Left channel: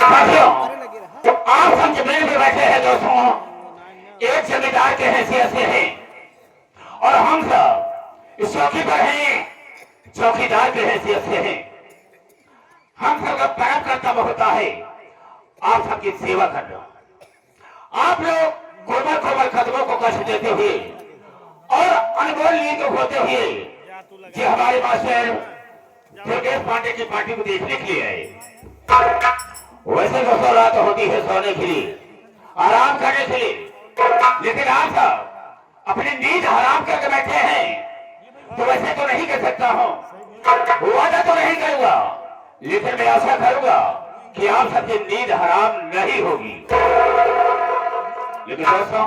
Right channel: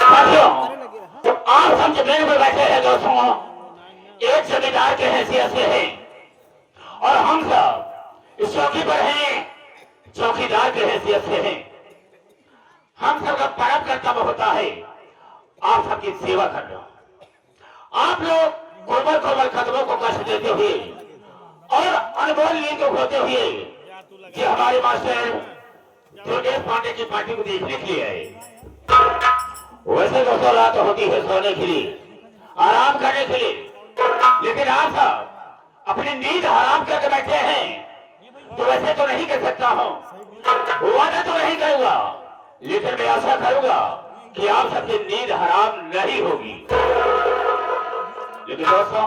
साथियों, आप सब जमीन पर बैठे हैं दोस्तों, एक जमींदार के हैसियत से है और हम सब इस चौकी पर हैं चौकीदार के हैसियत से हैं। हम सबका परम कर्तव्य होता है आप सबकी सेवा करना। आप लोग कोमल कोमल कदमों को कष्ट देते हुए और अनमोल नींद होते हुए कि हमारे मास्टर दुर्गेश पांडे की पार्टी को देखने के लिए आए। वैसे दोस्तों रात होती है सोने के लिए, आराम करने के लिए, लेकिन आप सब अपनी नींद हराम करके बैठे हैं। तो वैसे तो नहीं कर सकता हूँ, वादा तो नहीं करूंगा, लेकिन मैं आशा करूंगा कि आप सबकी नींद हराम नहीं होगी। लेकिन दोस्तों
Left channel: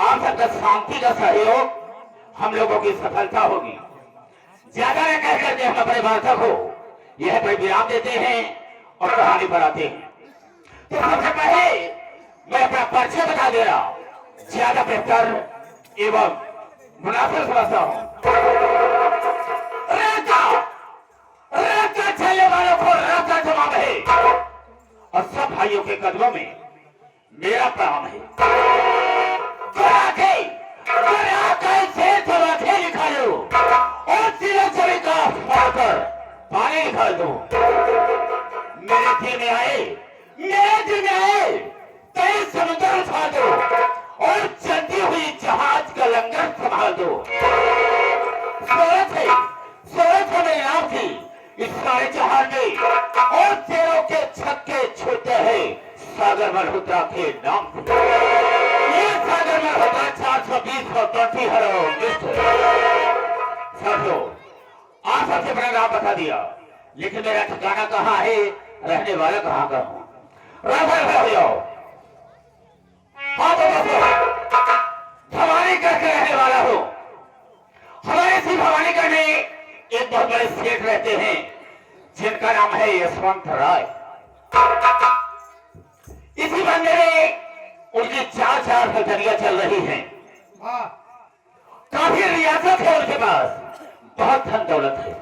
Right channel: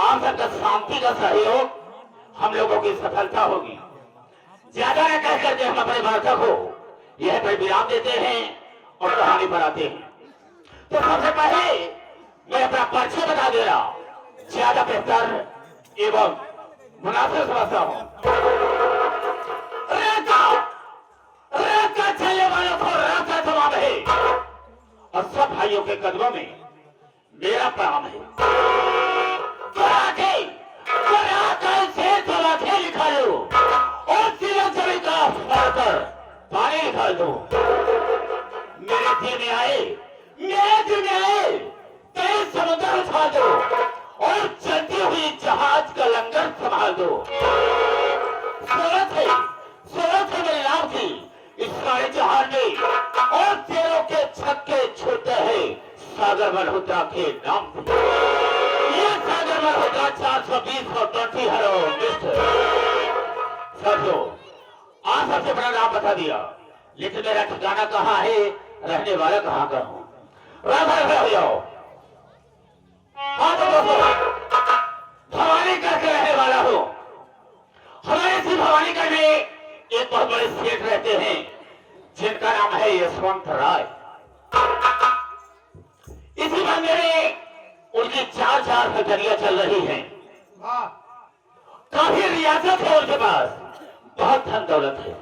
आप सबका शांति का सहयोग हम लोगों की सफलता होगी। ज्यादा न कह करके हम अपने वार्ता को यह पर विराम देते हैं और कहानी बनाते हैं। तो सबसे पहले मैं अपना परिचय बता दे रहा हूं, ज्यादा बेहतर एवं मुनासिब समझता हूं। चलने वालों को रास्ता जवाब है और सब भाइयों के कदमों में मेरा प्रणाम है। लिखा लो और सभी का कर पानी निकाल दो। मेरे दिल में आए कई समुद्र उठा दो और चलती हुई जहाज का लंगर संभाल दो। सूरज है मेरे नाम की इस सारे जहाज में और तेलों के छक्के छूटते हैं सागर मल्होत्रा के नाम से। ये सागर मल्होत्रा 420 और 20 हरो साथियों, आप सबसे बड़ा नाम बता दिया, लेकिन मेरा ठिकाना कहाँ है, रहने वाला कहाँ का हूँ। हो जाओ। हाँ तो भवानीगढ़ के रहने वाला हो। हमारे इसी भवानीगढ़ में एक बहुत बड़े सेठ रहते हैं जिनका नाम है यशवंत राय। इसी बंदे में उनकी 4 फैक्ट्रियां चल रही हैं। काफी रियासत है उनके पास, बहुत धन दौलत है।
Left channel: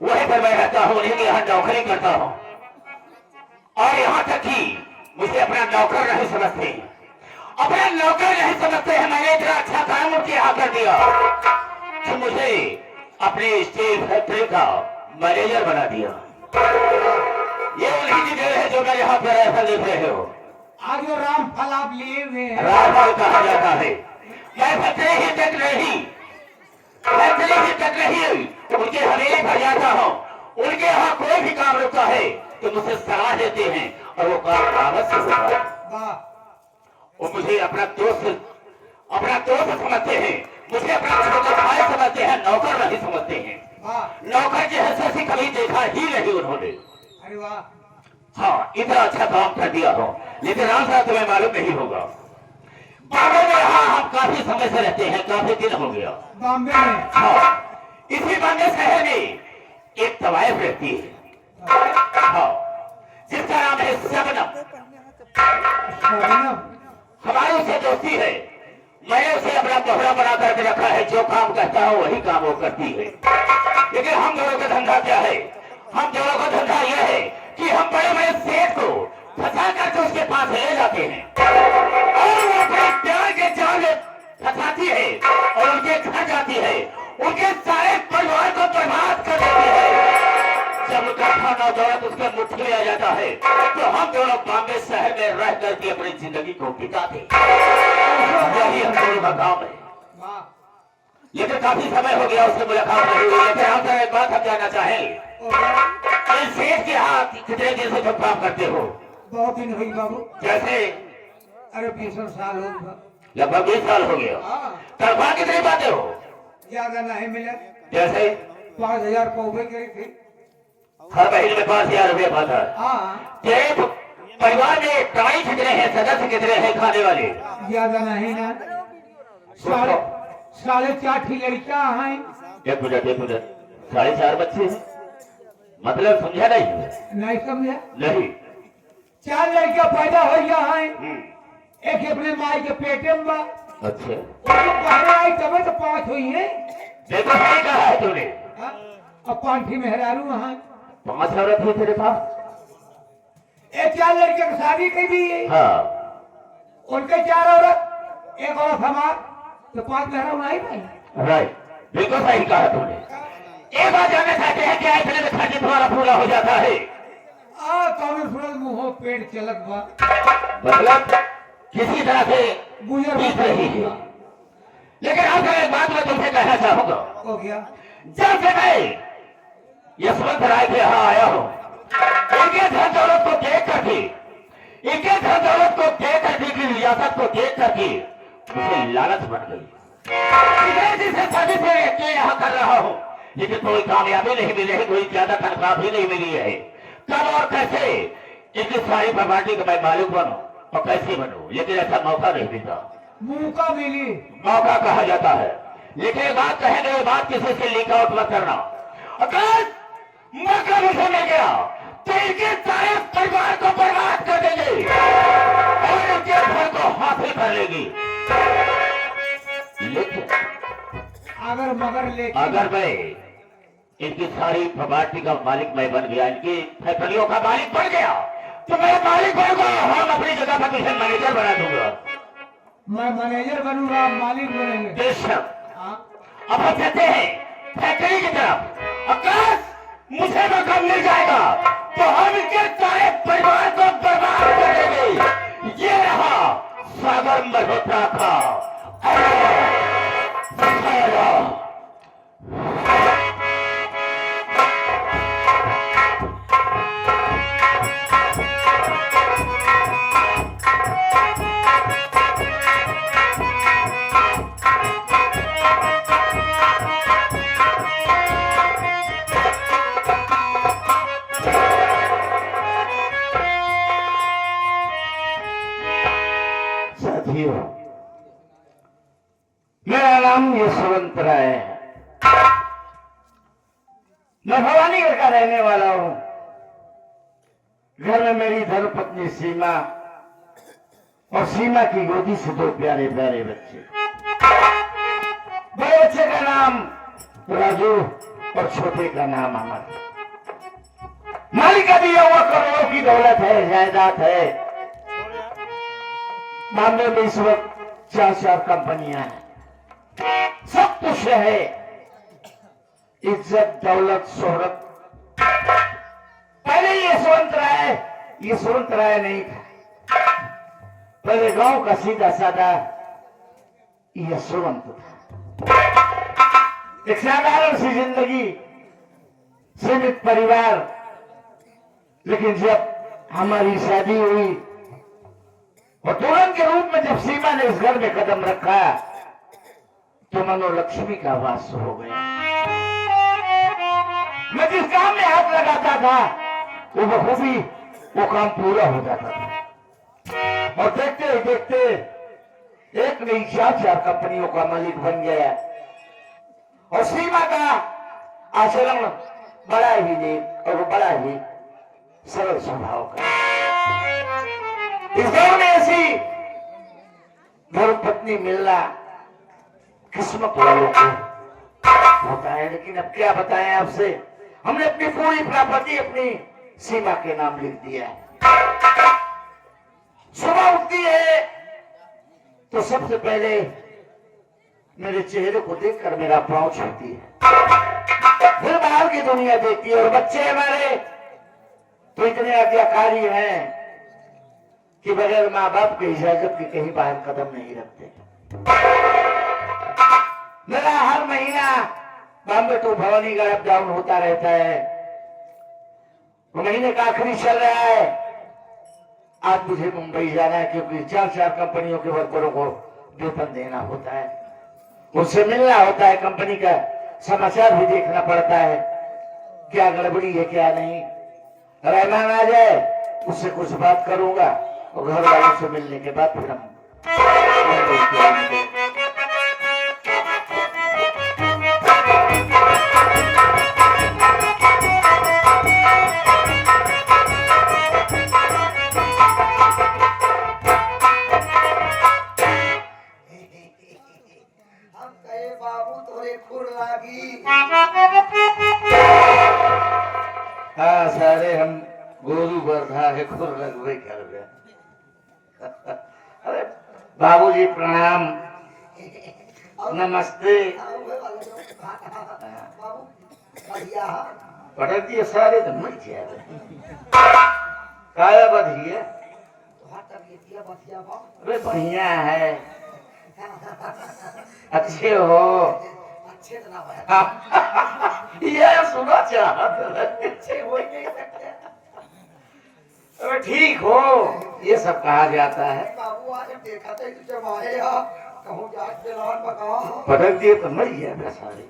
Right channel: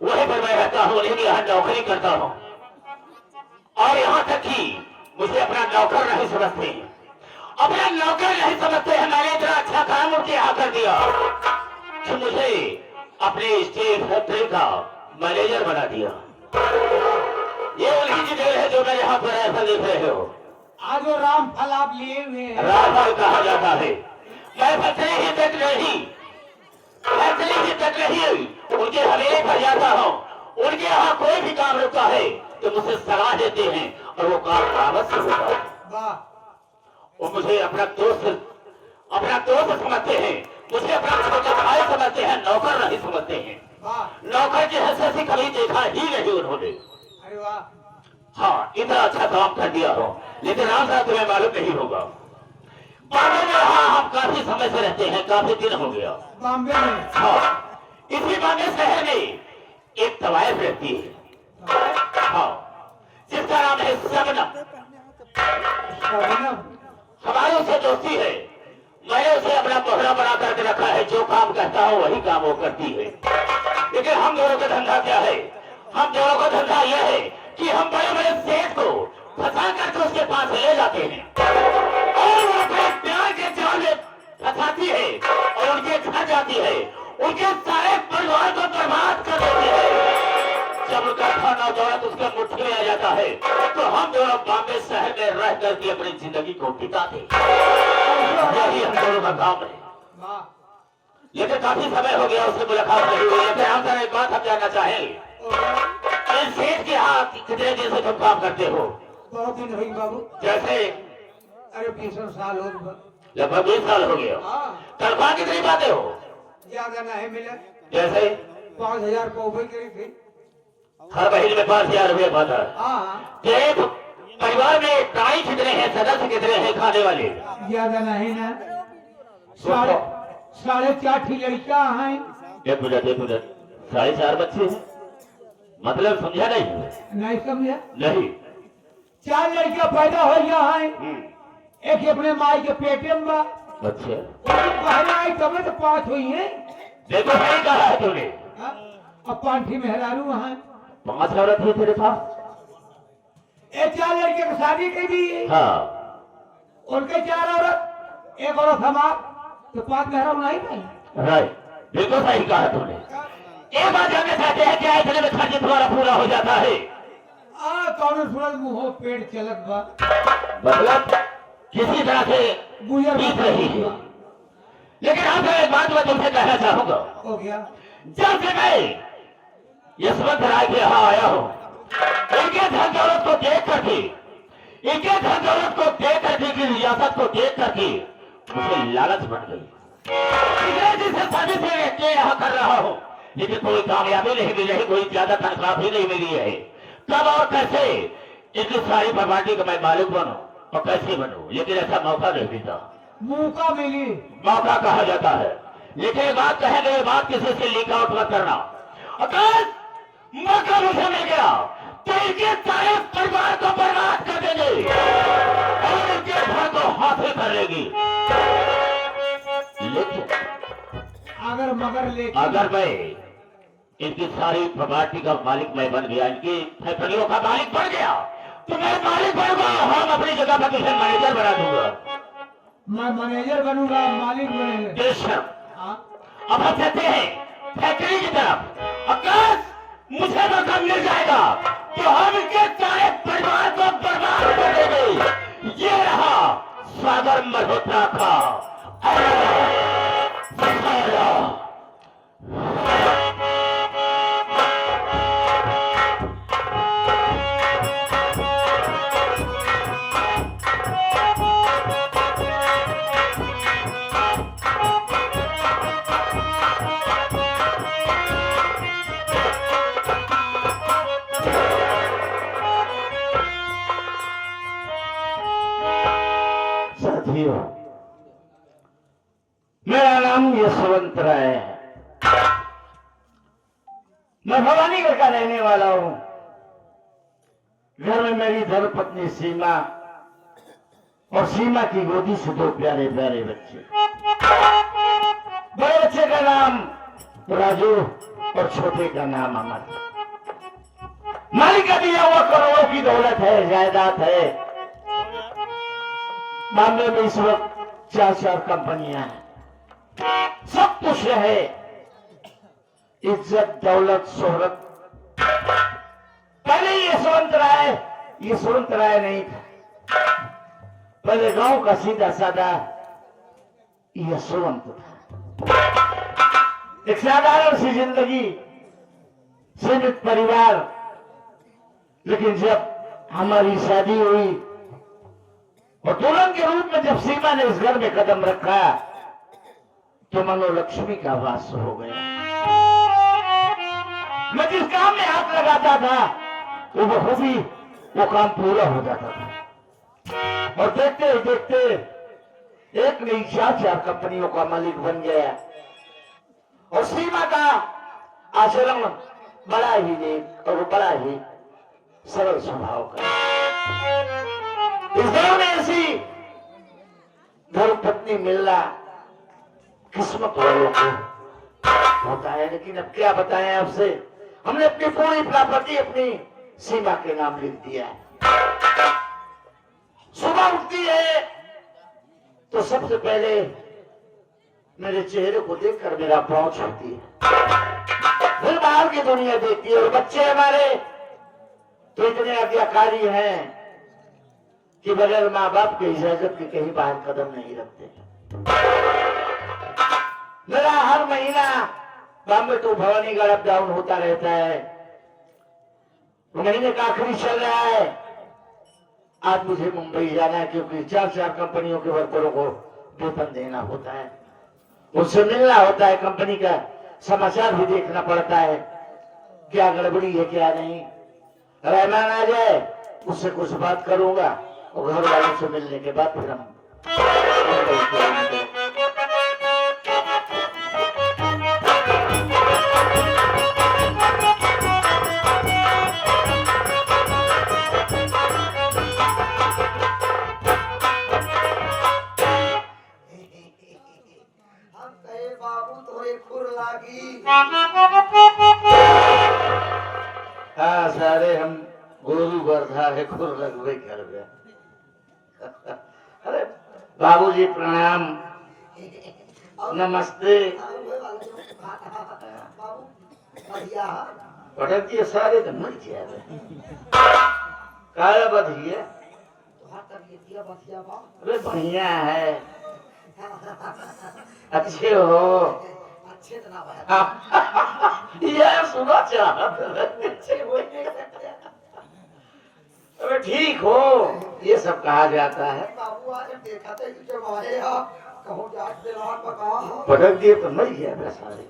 वहीं पर मैं रहता हूँ, उन्हीं के यहाँ नौकरी करता हूँ और यहाँ तक कि मुझे अपना नौकर नहीं समझते, अपना नौकर नहीं समझते हैं। मैंने इतना अच्छा काम उनके यहाँ कर दिया कि मुझे अपने स्टील फैक्ट्री का मैनेजर बना दिया। ये उन्हीं की देर है जो मैं यहाँ पर ऐसा देख रहे हो। आज वो राम फल आप लिए हुए हैं। रामफल कहा जाता है। मैं फैक्ट्री ही तक रही उनके हवेली पर जाता हूँ। उनके यहाँ कोई भी काम रुकता है तो मुझे सलाह देते हैं और वो काम कागज से होता है। वो मुझे अपना दोस्त समझते हैं, मुझे अपना छोटा भाई समझते हैं, नौकर नहीं समझते हैं। नौकर की हैसियत से कभी देखा ही नहीं उन्होंने। अरे वाह, हाँ इतना अच्छा काम कर दिया हो, लेकिन राम साहब तुम्हें मालूम नहीं होगा, बॉम्बे में हम काफी समय से रहते हैं, काफी दिन हो गया बॉम्बे में। हाँ इसी बॉम्बे शहर में एक तवायफ रहती है, हाँ जिसका नाम है शबनम। हमारी उसे दोस्ती है, मैंने उसे अपना दोहरा बना करके रखा है। जो काम करता हूँ वही काम वो करती है। लेकिन हम दोनों का धंधा क्या है, हम दोनों का धंधा यह है कि हम बड़े बड़े सेठ को फंसा करके उसके पास ले जाते हैं और वो अपने प्यार के जाल में फंसाती है और उनके घर जाती है, उनके सारे परिवार को बर्बाद कर देती है। जब उनका खाना दौलत उसके मुट्ठी में आ जाता है तो हम दोनों बॉम्बे शहर में रह करके अपनी जिंदगी को बिताते। यही हम दोनों का काम है। लेकिन काफी समय हो गया उससे मुलाकात नहीं हुई। लेकिन आपसे एक बात हम जानना चाहेंगे, सेठ के यहाँ कितने दिन से तुम काम करते हो? बहुत दिन हुई बाबू। जैसे? अरे 20 साल हो गए। लगभग 20 साल हो गया। तनख्वाह कितनी पाते हो? ज्यादा नहीं मिला। जैसे? 5000 कौवे की थी। हर महीने में 5000 रुपया पाता है। तेरे परिवार में प्राणी कितने हैं, सदस्य कितने हैं खाने वाले? ज्यादा नहीं ना, 4.5 लड़का है। एक मिनट 4.5 बच्चे हैं, मतलब समझा नहीं समझा नहीं। 4 लड़का पैदा हो गया है, एक अपने माई के पेटे में। अच्छा आई तब तो 5 हुई है। देखो सही कहा है तूने। अब पांठी मेहरारू वहाँ 5 औरत है तेरे पास? चार लड़के की शादी की दी, हाँ उनके 4 औरत, एक औरत हमार, तो 5 मेहरा नहीं भाई। राइट, बिल्कुल सही कहा तुमने। एक बात जानना चाहते हैं क्या इतने में खर्च तुम्हारा पूरा हो जाता है? कौन सूरज मुंह पेट चलत बा, मतलब किसी तरह से गुजर बीत रही है। लेकिन आपका एक बात मैं तुमसे कहना चाहूंगा, हो गया। जब से मैं यशवंत राय के यहाँ आया हूँ, इनके धन दौलत को देख करके, इनके धन दौलत को देख करके, इनकी रियासत को देख करके मुझे लालच बन गई। जिसे सभी से यहाँ कर रहा हूँ, लेकिन कोई कामयाबी नहीं मिली है, कोई ज्यादा तनख्वाह भी नहीं मिली है। कब और कैसे इतनी सारी प्रॉपर्टी का मैं मालिक बनूं और कैसे बनूं, लेकिन ऐसा मौका नहीं मिलता। मौका मिली, मौका कहा जाता है। लेकिन ये बात कहेंगे, ये बात किसी से लीक आउट मत करना। अगर मौका मुझे मिल गया तो इनके सारे परिवार को बर्बाद कर देंगे और इनके घर को हासिल कर लेंगे। लेकिन अगर मैं इनकी सारी प्रॉपर्टी का मालिक मैं बन गया, इनकी फैक्ट्रियों का मालिक बन गया, तो मैं मालिक बनूंगा, हम अपनी जगह पर किसी मैनेजर बना दूंगा। मैं मैनेजर बनूंगा, मालिक बनेंगे। बेशक। अब हम कहते हैं फैक्ट्री की तरफ, अगर मुझे मौका मिल जाएगा तो हम इनके सारे परिवार को बर्बाद कर देंगे। ये रहा सागर मल्होत्रा का साथियों, मेरा नाम यशवंत राय है। मैं भवानीगढ़ का रहने वाला हूं। घर में मेरी धर्मपत्नी सीमा और सीमा की गोदी से 2 प्यारे प्यारे बच्चे। बड़े बच्चे का नाम राजू और छोटे का नाम अमर। मालिक का दिया हुआ करोड़ों की दौलत है, जायदाद है। मामले में इस वक्त 4 कंपनियां हैं, सब कुछ है, इज्जत दौलत शोहरत। पहले यशवंत राय नहीं था, पहले गांव का सीधा साधा यशवंत था। एक साधारण सी जिंदगी, सीमित परिवार। लेकिन जब हमारी शादी हुई और दुल्हन के रूप में जब सीमा ने इस घर में कदम रखा तो मनो लक्ष्मी का वास हो गया। मैं जिस काम में हाथ लगाता था वो बखूबी वो काम पूरा हो जाता था। और देखते देखते एक नहीं 4 कंपनियों का मालिक बन गया। और सीमा का आचरण बड़ा ही नेक और बड़ा ही सरल स्वभाव का। इस दौर में ऐसी धर्मपत्नी मिलना किस्मत वालों को होता है। लेकिन अब क्या बताएं आपसे, हमने अपनी पूरी प्रॉपर्टी अपनी सीमा के नाम लिख दिया है। सुबह उठती है तो सबसे पहले मेरे चेहरे को देखकर मेरा पांव छूती है, फिर बाहर की दुनिया देखती है। और बच्चे हमारे तो इतने आज्ञाकारी हैं कि बगैर माँ बाप की इजाजत के कहीं बाहर कदम नहीं रखते। मेरा हर महीना Bombay to Bhawanigarh up down होता रहता है। महीने का आखिरी चल रहा है, आज मुझे मुंबई जाना है क्योंकि 4 कंपनियों के वर्करों को वेतन देना होता है, उससे मिलना होता है, कंपनी का समाचार भी देखना पड़ता है, क्या गड़बड़ी है क्या नहीं। रहमान आ जाए उससे कुछ बात करूंगा और घर वालों से मिलने के बाद फिर हम बाबू तोरे खुर लागी। हाँ सारे हम गोरू वर्धा है खुर रखबे कर गया। अरे बाबूजी प्रणाम, नमस्ते। पटक दिए सारे तो मर जाए काया बधिया। अरे बढ़िया है, अच्छे हो। ये सुना चाहते अरे ठीक हो, ये सब कहा जाता है। पटक दिए तो मर गया सारे।